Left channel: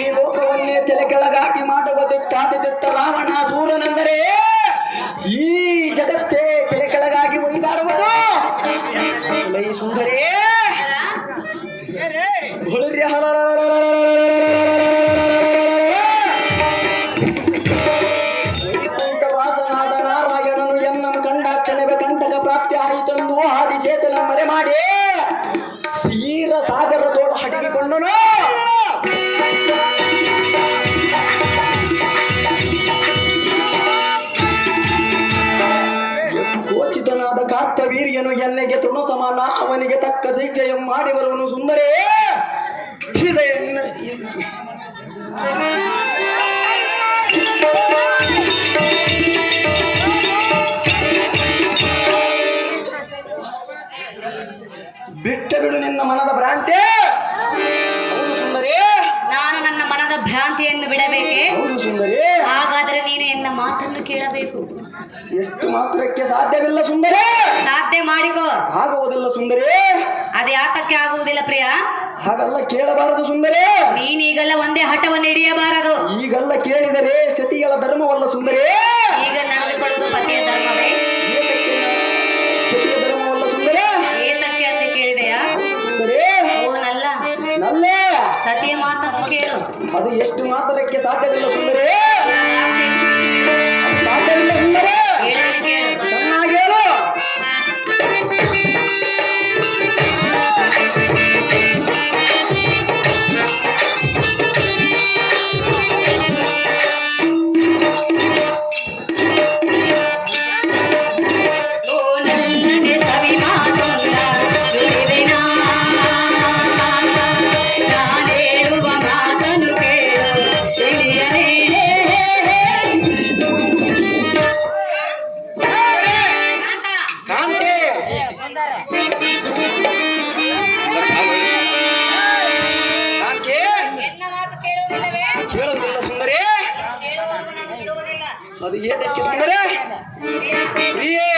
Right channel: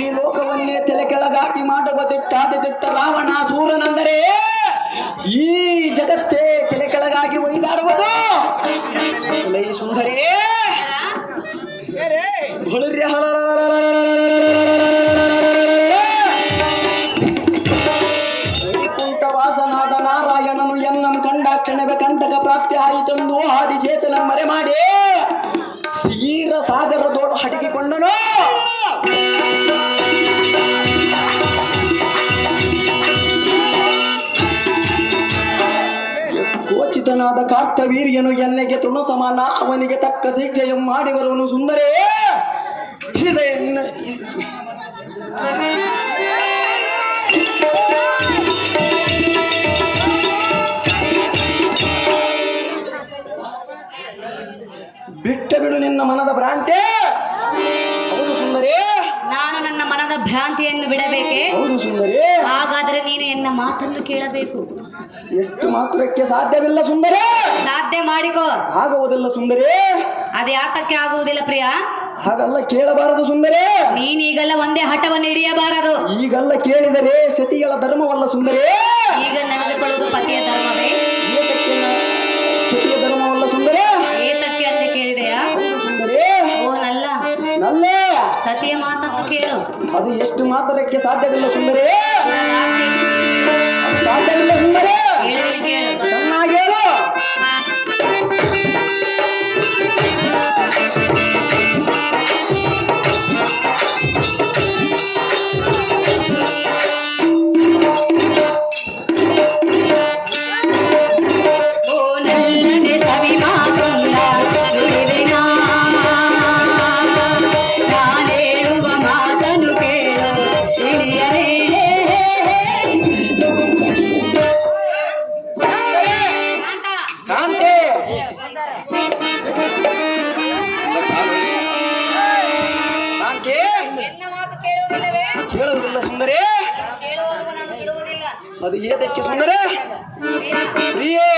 ಈ ಲೋಕವನ್ನೇ ತಲೆ ಕೆಳಗಾಗಿ ಮಾಡುವ ದಿಟ್ಟ ರಾವಣ ಸೂರನೆಂದರೆ ಈ ಜಗತ್ತೇ ತಲೆ ಕೆಳಗಾಗಿ ಒಯ್ದಾಡುವುದು. ಲೈ ಸುಂದರೇ ವೈಕುಂಠವಾಸನಾದ ನಾರಾಯಣನು ಎನ್ನಂ ಕಂಡಾಕ್ಷಣವೇ ಕಂಟಕ ಪ್ರಾಪ್ತಿ ಆಯಿತೆಂದು ಆದಿಶೇಷನ ಮರೆ ಮಾಡಿ ತೀರ ಸಾಗರದೋಡು ಹಡಗಿಕೊಂಡನು. ಕೋಚಿತನಾದ ಕಾರ್ತವೀರ್ಯನು ಎನ್ನೆಗೆ ತೃಣ ಸಮಾನ, ಅವನಿಗೆ ತಕ್ಕ ಶಿಕ್ಷೆಯನ್ನು ಮಾಡಿ ಬರುವನು. ಸುಂದರೇ ಬಿಟ್ಟ ಬಿಡು ನಿನ್ನ ಮನದ ಭ್ರಾಂತಿ. ಹೌದು ಸುಂದರೇ, ನಾನು ನನ್ನ ಮನದ ಭ್ರಾಂತಿಯನ್ನು ಬಿಡಬೇಕೆ? ಹೌದು ಸುಂದರೇ. ಹಾಗಾದರೆ ನೀನು ಎನ್ನ ಮಾತನ್ನು ಕೇಳಬೇಕು. ಎಷ್ಟು ಮಾತ್ರಕ್ಕೆ ಸಾಧ್ಯವಿಲ್ಲ ಸುಂದರೇ. ಸಾಧ್ಯ ಮಾಡಿಕೋ. ಆಗುವುದಿಲ್ಲ ಸುಂದರೇ. ಅದು ಯಾತಕ್ಕೆ ಆಗುವುದಿಲ್ಲ ಪ್ರಿಯ? ಹಾಗಲ್ಲ, ಕೇಳಬಾರದು ಸುಂದರೇ. ನೀನೀಗಲ್ಲ ಒಂದೇ ಹಠವನ್ನು ಹಿಡಿಯಬಾರದು. ಈಗಲ್ಲ ಕೇಳಿದರೆ ಸತಿಗಳ ಧರ್ಮವಲ್ಲ ಸುಂದರೇ. ಈಗ ನಡೆದುಕೊಳ್ಳುವುದು ಪತಿಯ ಧರ್ಮವೇ? ಸತಿಯ ಧರ್ಮವಲ್ಲ ಸುಂದರೇ. ಏತಕ್ಕೆ ಅಂತ ಕೇಳಿದೆಯಾ? ಸುಂದರೇ, ಓ ನಲ್ಲ ನಲ್ಲ ಸತಿಯ ಮಾತನ್ನು ಕೇಳು. ಅದು ಎಷ್ಟು ಮಾತ್ರಕ್ಕೆ ಸಾಧ್ಯವಿಲ್ಲ ಸುಂದರೇ. ಸಾಧ್ಯವಿಲ್ಲ ಸುಂದರೇ. ಚೆನ್ನಾಗಿ ಹೇಳು. ಕೇಳುವುದಿಲ್ಲ ಸುಂದರೇ. ಅದು ಏತಕ್ಕೆ ಸುಂದರೇ? ಪ್ರಿಯೇ,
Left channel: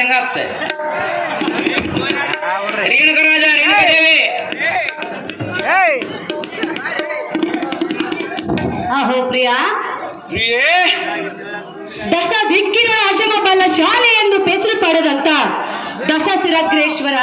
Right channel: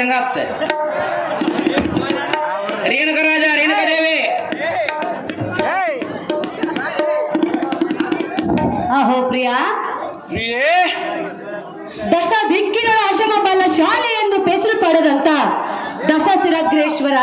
ಹೆಂಗಾಗ್ತೆ ರೇಣುಕರಾಜ ರೇಣುಕದೇವಿ ಅಹೋ ಪ್ರಿಯಾ, ದಸ ದಿಕ್ಕಿನ ಆಶ್ರಮ ಬಲ ಶಾಲೆ ಎಂದು ಹೆಸರು ಪಡೆದಂತ ದಸ ಸಿರಗ್ರೇಶ್ವರ